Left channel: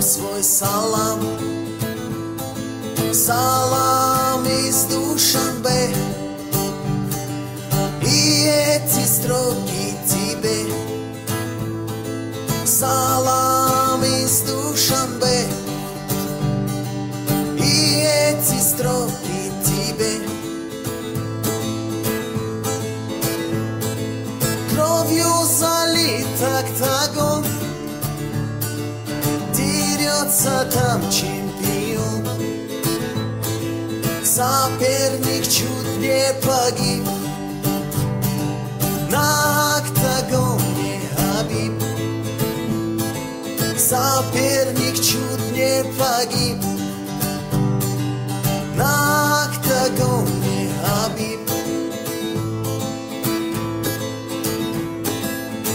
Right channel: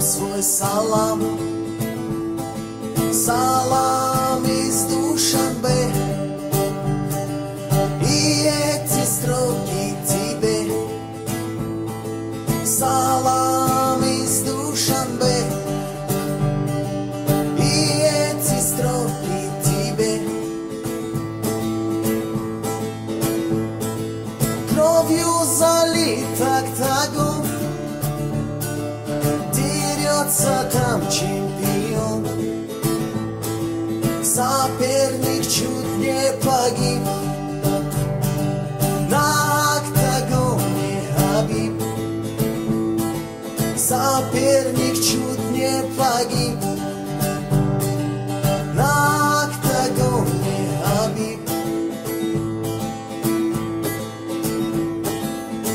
вам свой салам. Салам из Душанбе, и эти строки тебе. Салам из Душанбе, и эти строки тебе. Кровью залит октагон, дерется там чемпион. Соперник чуть не погиб, на октагоне Хабиб. Соперник чуть не погиб, на октагоне Хабиб.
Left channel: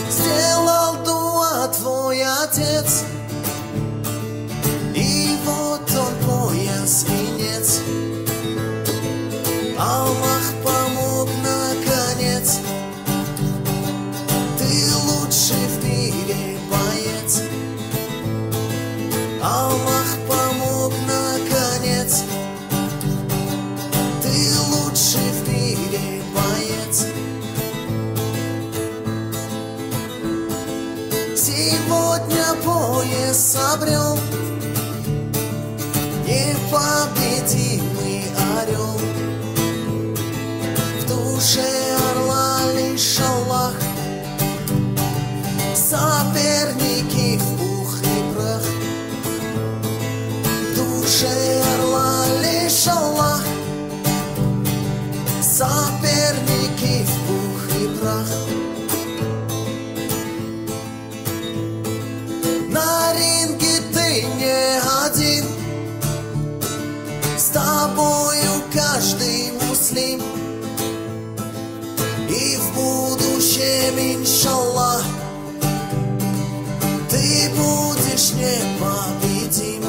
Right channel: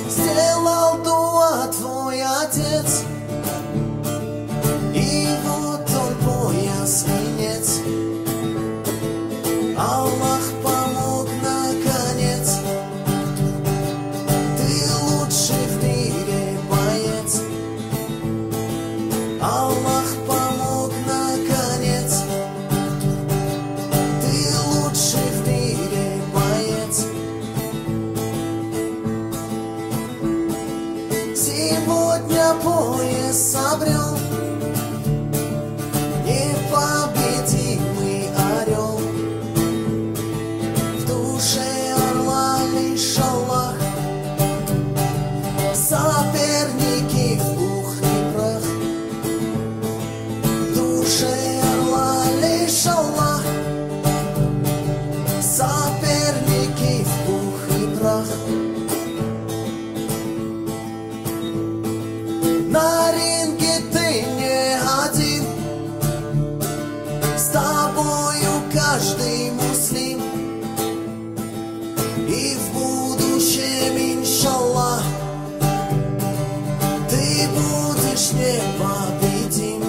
Сделал дуа твой отец, и вот он пояс венец. Аллах помог наконец, ты лучший в мире боец. Аллах помог наконец, ты лучший в мире боец. Сегодня пояс обрел непобедимый орел. В душе орла лишь Аллах, соперники в пух и прах. В душе орла лишь Аллах, соперники в пух и прах. На ринге ты не один, с тобою каждый муслим. И в будущем, иншаллах, ты будешь непобедим.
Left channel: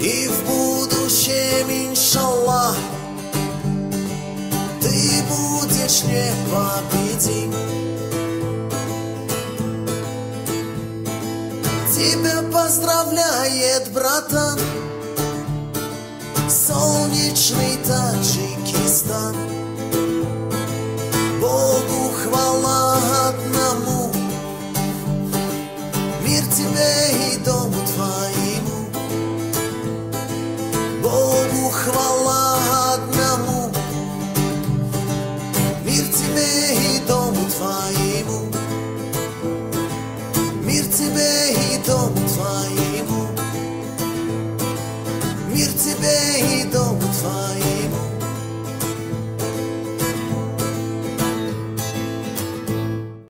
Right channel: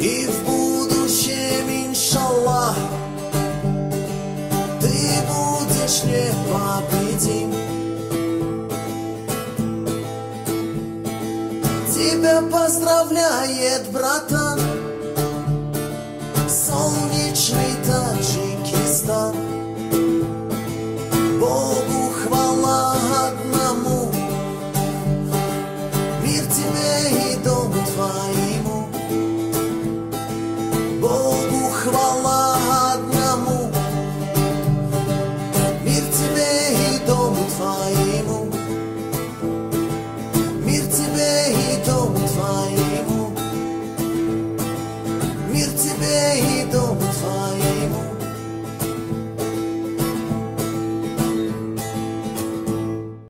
И в будущем, иншаллах, ты будешь непобедим. Тебя поздравляет, братан, солнечный Таджикистан.